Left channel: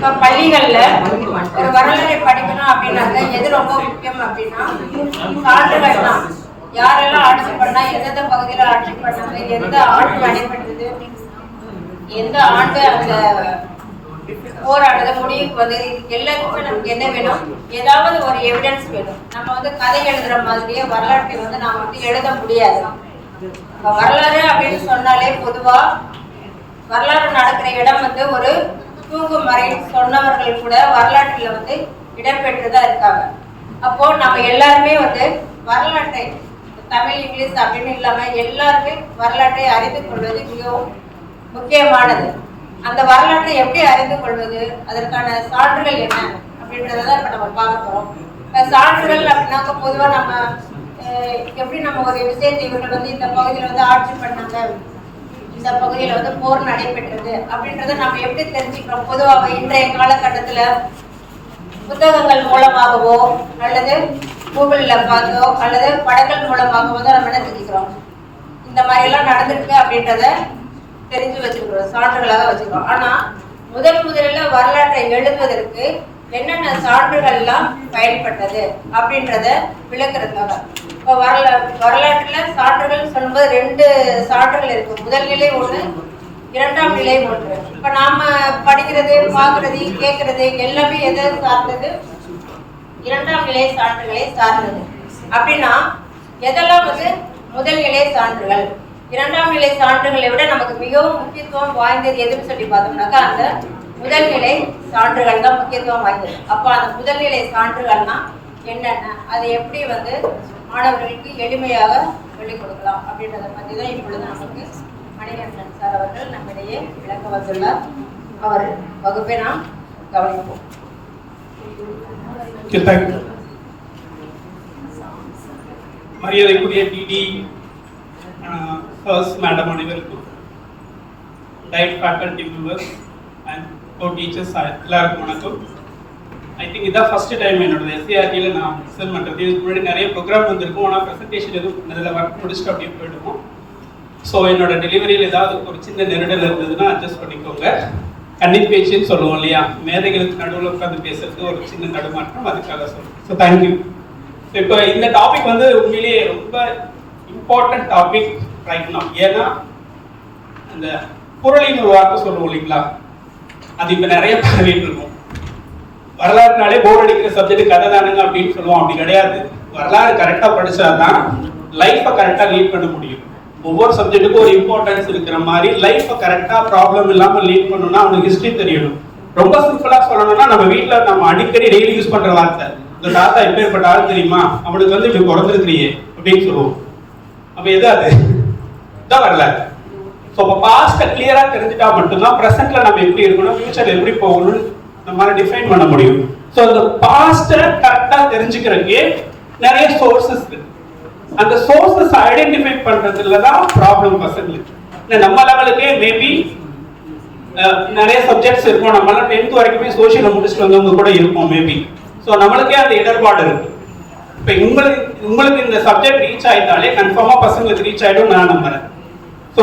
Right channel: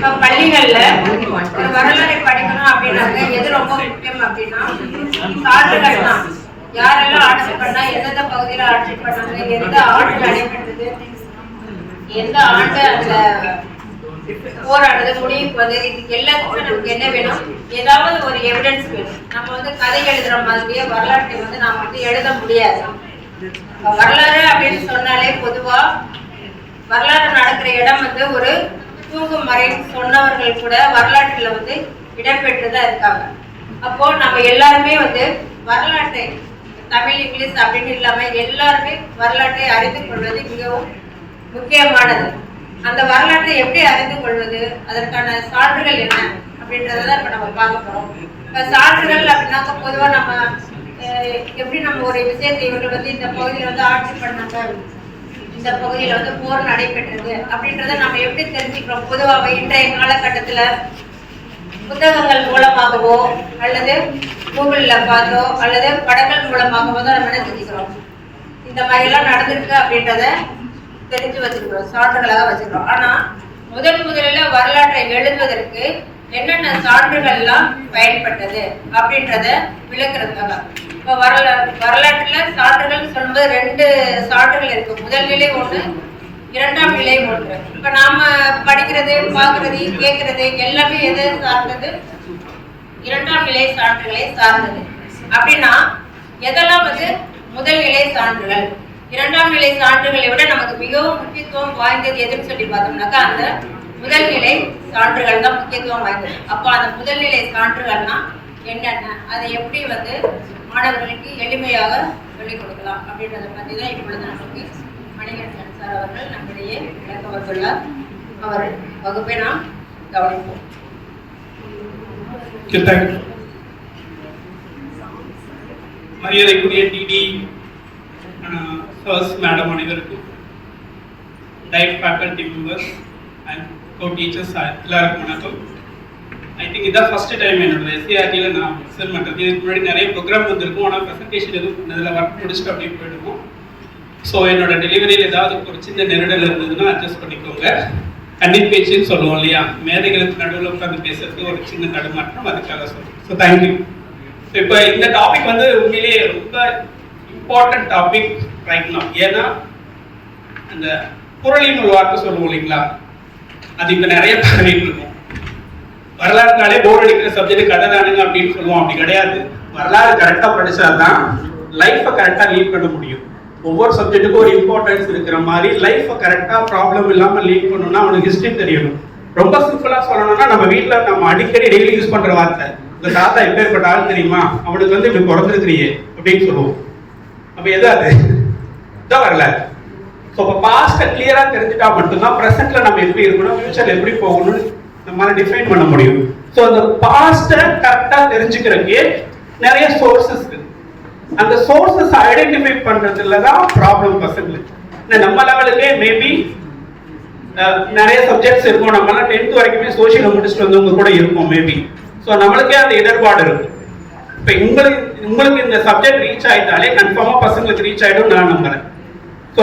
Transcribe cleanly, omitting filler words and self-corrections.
இப்ப பள்ளிகள்ல ஒரு வரலாறை படிக்கணும் அப்படின்னாக்க எது ரொம்ப முக்கியம் அப்படின்னா சான்றுகள் தான். யாரெல்லாம் ஆட்சி பண்ணா, எந்தெந்த பகுதியில ஆட்சி பண்ணாங்க, எந்த ஆண்டு நடைபெற்றது, எந்த ஆண்டு அந்த போராடுறது முடிவுக்கு வந்து, இது எல்லாத்துக்கும் நமக்கு என்ன வேணும்? ஏதாவது ஒரு எவிடன்ஸ் வேணும். நம்ம வந்து கதை எழுதுற மாதிரியே வரலாற்றை வந்து நாம வந்து எழுத முடியாது. வரலாறு அப்படின்னு சொன்னாலே பொதுவா வரலாறு நடக்கிற இடம் வந்து ஒரு தூங்கும் மறை சொன்னவர்கள் கூட வரலாற்றுல வந்து இடம்பெற்றுதான் இருக்காங்க. அப்போ நம்ம எல்லாருமே வந்து வரலாற்றை தமிழ் இங்கிலீஷ் அப்படின்னு இல்லாம எல்லாருமே வரலாற்றை அறிந்து கொள்வது மிகவும் முக்கியமானது. அந்த வரலாற்றை எப்படி அறிந்து கொள்வது, அதற்கான சான்றுகள் என்ன அப்படின்றத இப்ப நம்ம பார்க்க போறோம். இப்ப சான்றுகள் அப்படின்னாக்க பொதுவா நம்ம எப்படி நம்ம ஒரு விஷயத்தை இவர்கள் வந்து இந்த பகுதியில வந்து ஆட்சி பண்ணாங்க, இந்த பகுதியில வந்து போர் நடைபெற்றது அப்படின்றத நம்ம எப்படி தெரிஞ்சுக்கிறோம்? பொதுவாக இன்றைய காலகட்டத்துல புத்தகங்கள் மூலமாகவோ அல்லது கூகுள்ல பார்த்தோ அல்லது படங்கள் மூலமாகவோ தான் நம்ம என்ன தெரிஞ்சுக்கிறோம்? இந்த மாதிரி எல்லாம் நடந்திருக்கு அப்படின்றத தெரிஞ்சு வச்சிருக்கிறோம், சான்றுகளாக வச்சுக்கிறோம். ஆனா முதலில் வரலாற்றை எழுதுவதற்கு என்னென்ன சான்றுகள்லாம் பயன்பட்டது அப்படின்றத விளக்குறதுக்காக இப்ப வரலாற்றுல சான்றுகள் சொல்லும்போது 2 சான்றுகள் இருக்கு. முதல் நிலை ஒண்ணு, 2ஆம் நிலை ஒன்று. இப்ப நாம படிக்கிறது, பார்க்கறது, கேட்கறது எல்லாமே எதை சார்ந்தது? 2ஆம் நிலை சான்றுகளை சார்ந்தது. அப்படின்னா எதெல்லாம் வந்து முதல் நிலை சான்றுகள்? 2ஆம் நிலை சான்றுகளை விட நமக்கு மிகவும் முக்கியத்துவம் வாய்ந்தது எதுன்னு சொல்லி பார்த்தோம்னாக்கா அந்த முதல் நிலை சான்றுகள் தான் முக்கியத்துவம் வாய்ந்தது. அப்போ அந்த முதல் நிலை சான்றுகள்னா என்னென்ன, அதை எப்படி வந்து மாணவர்களுக்கு எளிமையாக சொல்லிக் கொடுக்கலாம் அப்படின்றத பற்றி தான் இப்பொழுது நமக்கு மணிகண்டன் சார் அவர்கள் நம்மிடையே விளக்க வந்துள்ளார். அவர் வகுப்பை நாம் கவனிப்போம். மரியாதைக்குரிய டிடி ஃபர்ஸ்ட் மேடம் அனைவருக்கும், DIET faculty members and co teachers எல்லாருக்கும் வணக்கம். ஐ திங்க் இதான் ஃபர்ஸ்ட் டைம் என்னோட எஸ்சிஆர்டியில் நான் ப்ரெசென்ட் பண்ணுறது. இதுக்கு முன்னாடி நிறைய ப்ரோக்ராம் வந்திருக்கும், ஆனால் ப்ரெசன்டேஷன் எதுவும் இதில் ஒர்க் முடிச்சுட்டு அப்படின்னு போயிடுவோம். ஸோ என்னோட டெலிவரியில் ஏதாவது ஒரு சின்ன நெருடல் இருந்ததுன்னா அட்ஜஸ்ட் பண்ணிக்கோங்க. கண்ணி பேச்சுன்னு சொல்லுவோம் இல்லையா, மேதைகளுக்கு நடுவில் உட்காந்து பேசுறதுக்கு ஒரு சின்ன தடுமாற்றம், அதுக்காக சொல்லுவோம். So thank you. ஸோ இப்போ இந்த டாபிக் வந்து உண்மையிலேயே ரொம்ப இம்பார்ட்டன்ட் டாபிக் ரைட் நவ். ஏன்னா அந்த புரளின் ஒரு வார்த்தை சொல்லுவோம் இல்லைங்களா, அது இப்போ நிறைய பரவிட்டு இருக்கும். வரலாறுனாலே போர் அடிக்கிற சப்ஜெக்ட் கதை தானுங்க அப்படின்னு சொல்லுவோம். அப்படி கிடையாது. வரலாறு கரெக்டாக படிச்சாதான் லைஃப்பை கரெக்டாக லீட் பண்ண முடியும். ஒவ்வொரு சப்ஜெக்ட்டுக்கும் ஒரு இம்பார்ட்டன்ஸ் இருக்கிற மாதிரி லைஃப்பை கரெக்டாக ப்ராப்ளம் இல்லாமல் லீட் பண்ணணும்னா அவனுக்கு ஹிஸ்ட்ரி தெரியணும். ரொம்ப சிம்பிளாக சொல்லணும்னா நம்ம வீட்டில் நம்ம அடிக்கடி டெய்லி யூஸ் பண்ணுற வார்த்தை, இந்த தாத்தா எப்பேற்பட்ட ஆள் தெரியுமா, அவனுக்கு வந்து இப்படி பிறந்திருக்கிறியே அப்படின்னு சொல்லுவோம். அப்போ எது அது தான் வரலாறு. ஸோ இப்போ பாஸ்ட்டை கிளியராக தெரிஞ்சுட்டா மட்டும்தான் ப்ரெசென்ட்ல நம்ம எப்படி இருக்கணும், ஃபியூச்சர் எப்படி போகணும்னு நம்மளால டிஃபைன் பண்ண முடியும். ஸோ அந்த பாஸ்ட்டை கரெக்டாக தெரிஞ்சுக்கிறதுக்கே நிறைய சோர்சஸ் இருக்கு. அந்த சோர்சஸ் ஐடென்டிஃபை பண்றதுல தான் ப்ராப்ளம் பசங்களுக்கு. நம்ம லெவலுக்கே மேபி நிறைய சப்ஜெக்ட்ஸ் இருக்கும். நம்மளால 10th வரைக்குமே சோஷியலை முடிச்சுட்டு வந்தவங்க கூட இருப்போம் மேபி. ஸோ நம்மளுக்கே அந்த இடர்பாடு இருக்கு. இப்போ உங்களுக்கு இந்த சப்ஜெக்ட் ரீச் ஆயிட்டாலே கன்ஃபார்மா பசங்களுக்கு ரீச் ஆயிடும் நான் நம்புறேன். ஸோ